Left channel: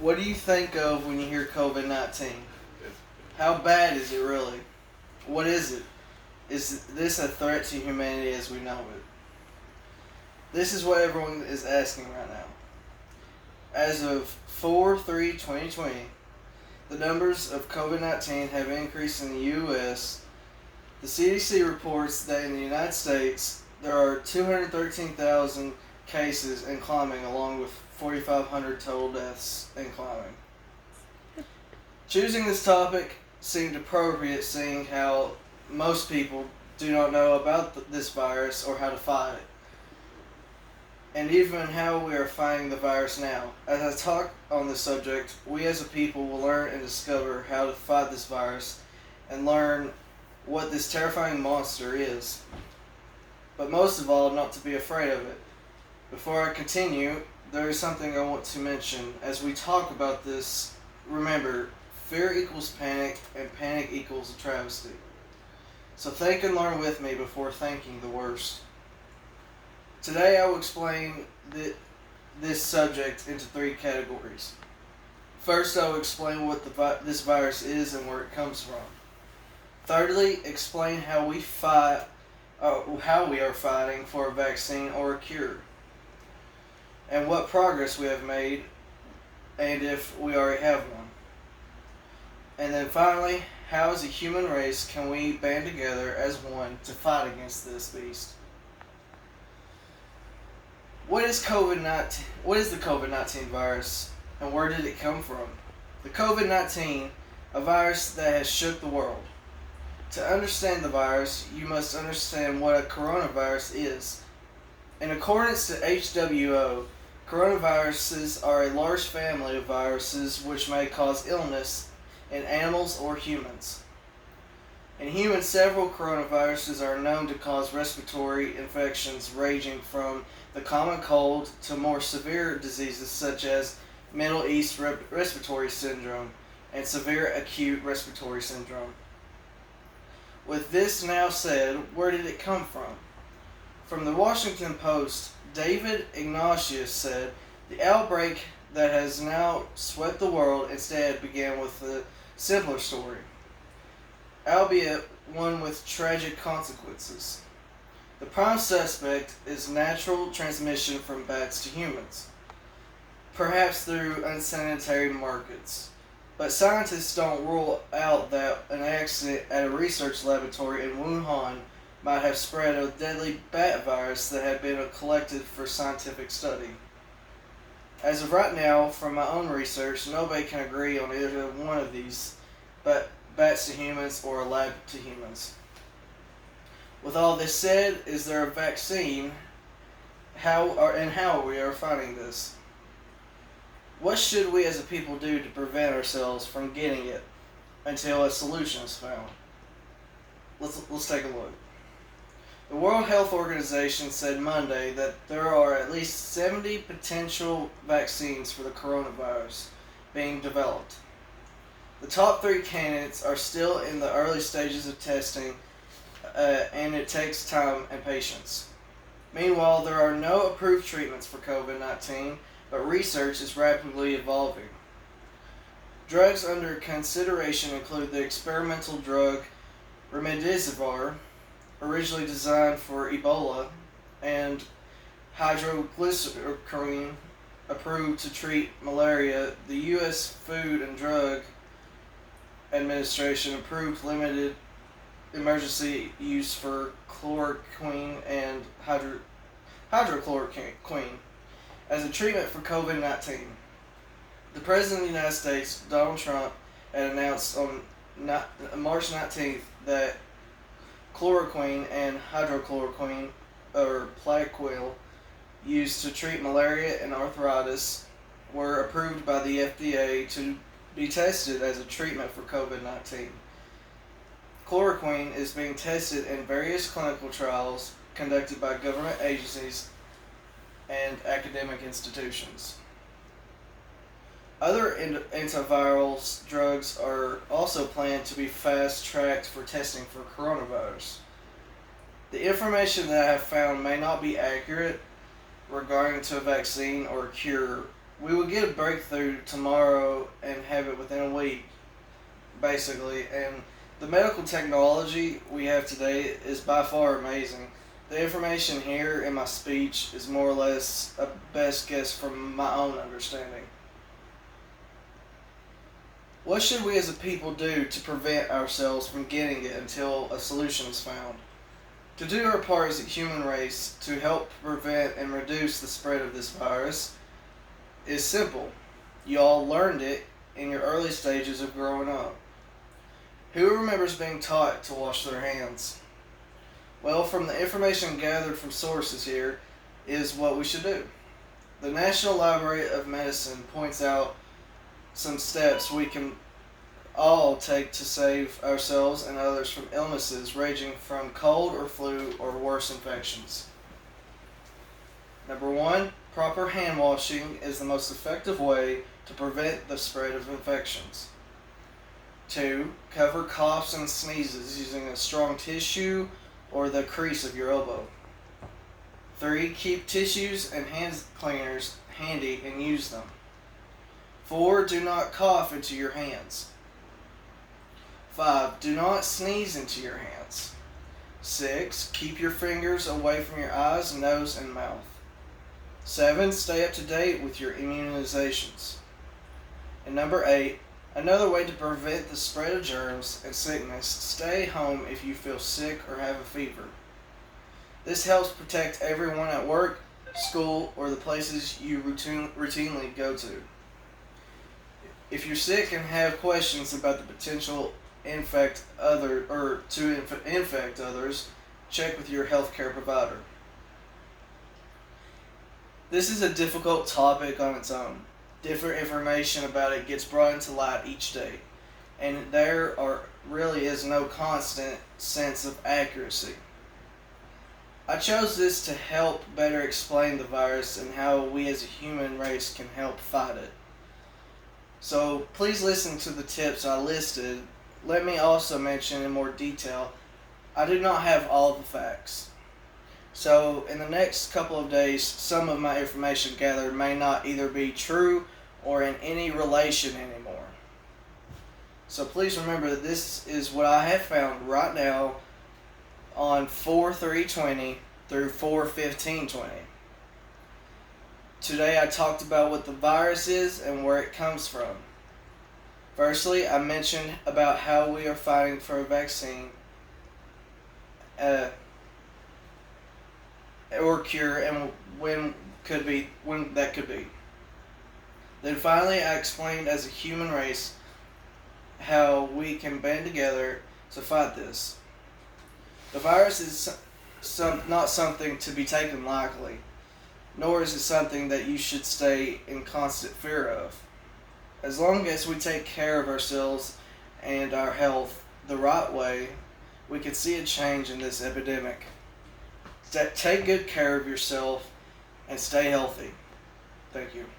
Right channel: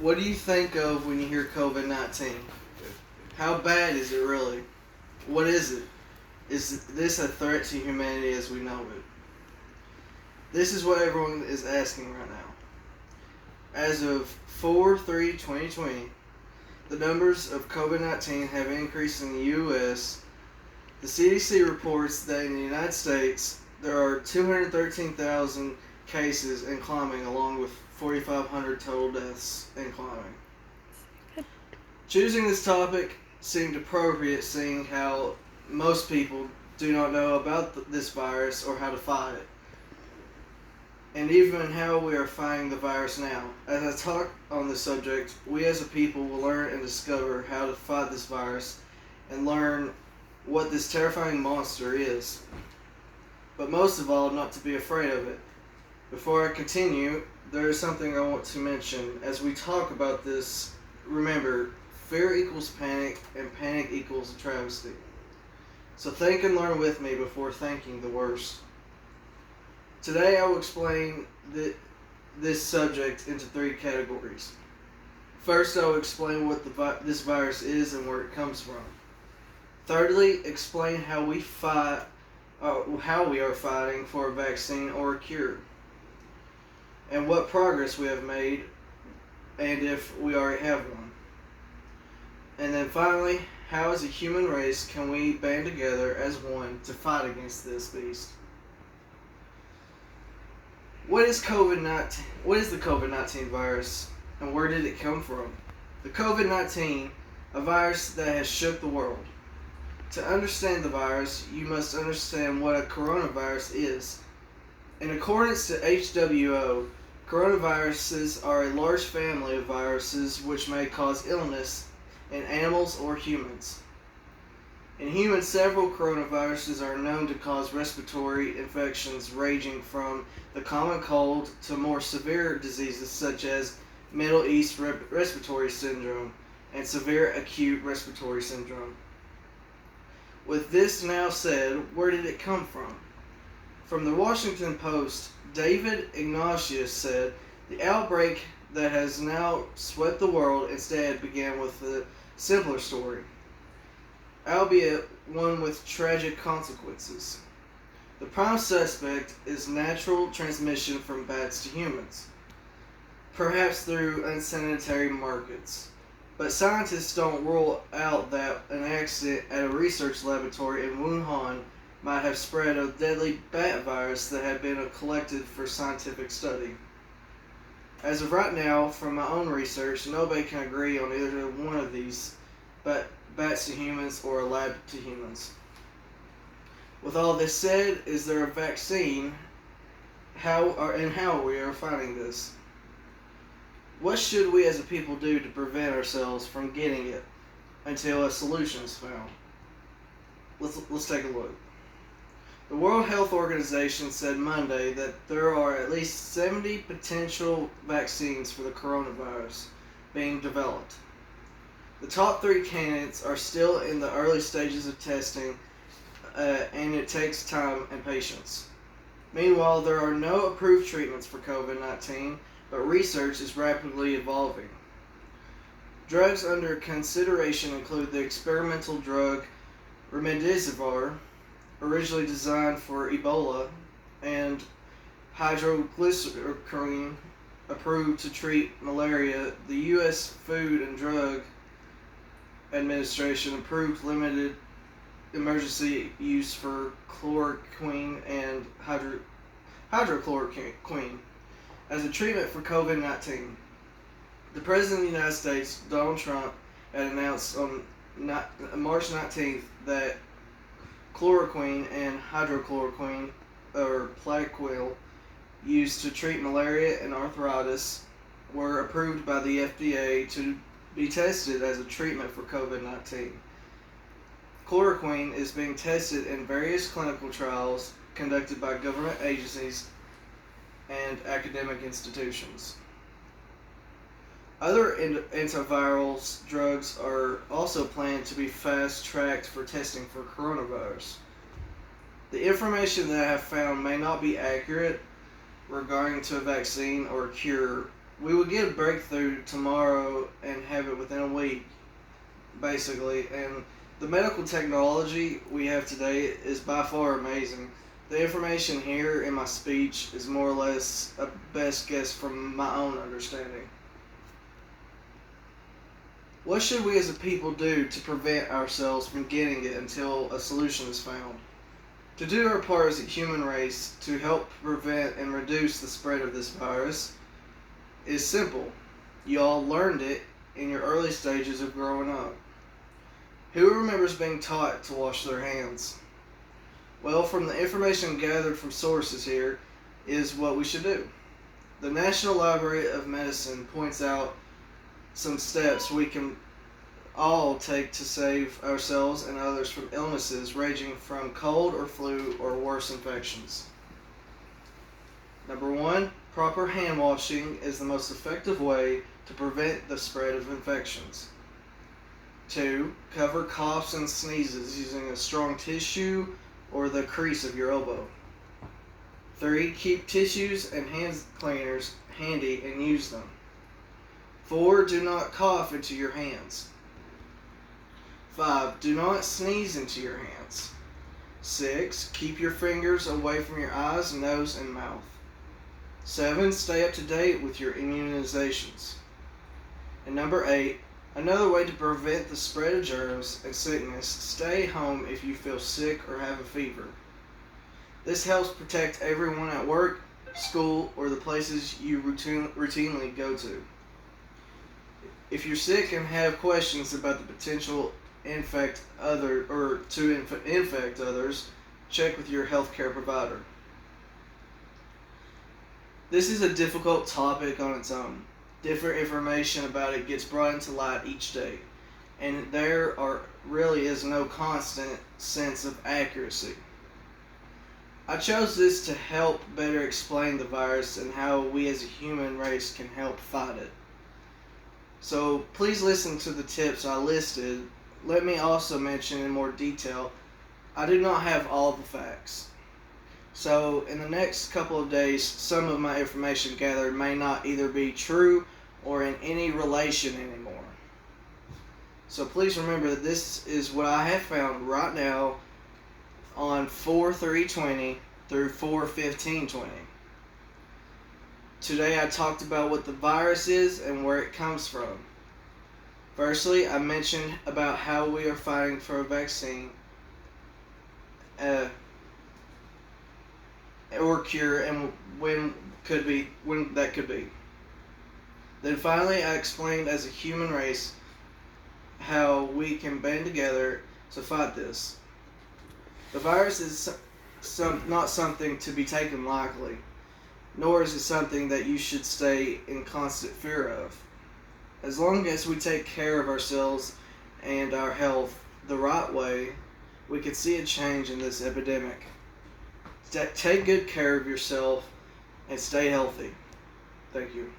What do you think of when you hear COVID-19? How bad is it really? What is it? Is this a threat to humanity as we know it? This is what everyone is asking right now. As of 4/3/2020, the numbers of COVID-19 have increased in the U.S. The CDC reports that in the United States there are 213,000 cases and climbing, along with 4,500 total deaths and climbing. Choosing this topic seemed appropriate, seeing how most people do not know about this virus or how to fight it, and even how we are fighting the virus now. As I talk on this subject, we as a people will learn and discover how to fight this virus and learn what this terrifying monster is. But most of all, not to be afraid of it. Before I continue, there is something I want to mention. As we talk about this, remember, fear equals panic, and panic equals a travesty. So think and learn with me before thinking the worst. Today I will explain this subject into three categories. First, I will explain what this virus is and where it comes from. Thirdly, explain how we are fighting for a vaccine or a cure, and what progress we have made, and if we already have one. And then finally, how as a human race can we band together as one to fight against this beast? What is COVID-19? What is the COVID-19 virus, and where did it come from? The COVID-19, a virus that has shook the world. To understand the virus, you must understand what a coronavirus is. In accordance to WHO, coronaviruses are a large family of viruses which may cause illness in animals or humans. In humans, several coronaviruses are known to cause respiratory infections ranging from the common cold to more severe diseases such as Middle East Respiratory Syndrome and severe acute respiratory syndrome. With this now said, where did it come from? From the Washington Post, David Ignatius said, the outbreak that has now swept the world instead began with a simpler story, albeit one with tragic consequences. The prime suspect is natural transmission from bats to humans, perhaps through unsanitary markets. But scientists don't rule out that an accident at a research laboratory in Wuhan might have spread a deadly bat virus that had been collected for scientific study. As of right now, from my own research, nobody can agree on either one of these, but bats to humans or a lab to humans. With all this said, is there a vaccine? How we are fighting this? What should we as a people do to prevent ourselves from getting it until a solution is found? Let's take a look. The World Health Organization said Monday that there are at least 70 potential vaccines for the coronavirus being developed. The top three candidates are still in the early stages of testing, and it takes time and patience. Meanwhile, there are no approved treatments for COVID-19, but research is rapidly evolving. Drugs under consideration include the experimental drug remdesivir, originally designed for Ebola, and hydroxychloroquine, approved to treat malaria. The U.S. Food and Drug Administration approved limited emergency use for chloroquine and hydrochloroquine as a treatment for COVID-19. The President of the United States, Donald Trump, had announced on March 19th that chloroquine and hydrochloroquine, or Plaquenil, used to treat malaria and arthritis, were approved by the FDA to be tested as a treatment for COVID-19. Chloroquine is being tested in various clinical trials conducted by government agencies and academic institutions. Other antiviral drugs are also planned to be fast-tracked for testing for coronavirus. The information that I have found may not be accurate regarding to a vaccine or a cure We would get a breakthrough tomorrow and have it within a week, basically. And the medical technology we have today is by far amazing. The information here in my speech is more or less a best guess from my own understanding. What should we as a people do to prevent ourselves from getting it until a solution is found? To do our part as a human race to help prevent and reduce the spread of this virus is simple. You all learned it in your early stages of growing up. Who remembers being taught to wash their hands? Well, from the information gathered from sources here is what we should do. The National Library of Medicine points out some steps we can all take to save ourselves and others from illnesses ranging from cold or flu or worse infections. Number 1, proper hand washing is the most effective way to prevent the spread of infections. 2, cover coughs and sneezes using a strong tissue or the crease of your elbow. 3, keep tissues and hand cleaners handy and use them. 4, do not cough into your hands. 5, do not sneeze into your hands. 6, keep your fingers away from your eyes, nose, and mouth. 7, stay up to date with your immunizations. And number 8, another way to prevent the spread of germs and sickness, stay home if you feel sick or have a fever. This helps protect everyone at work, school, or the places you routinely go to. If you're sick and have questions about the potential infect others, check with your healthcare provider. This is a difficult topic on its own. Different information about it gets brought into light each day, and there really is no constant sense of accuracy. I chose this to help better explain the virus and how we as a human race can help fight it. So please listen to the tips I listed. Let me also mention in more detail, I do not have all the facts. So in the next couple of days, some of my information gathered may not either be true or in any relation anymore. So please remember that this is what I have found right now on 4/3/20 through 4/15/20. Today I talked about what the virus is and where it comes from. Firstly, I mentioned about how we are fighting for a vaccine or cure and when that could be. Then finally I explained as a human race how we can band together to fight this. The virus is not something to be taken lightly, nor is it something that you should stay in constant fear of. As long as we take care of ourselves and our health the right way, we can see a change in this epidemic. Take good care of yourself and stay healthy. Thank you.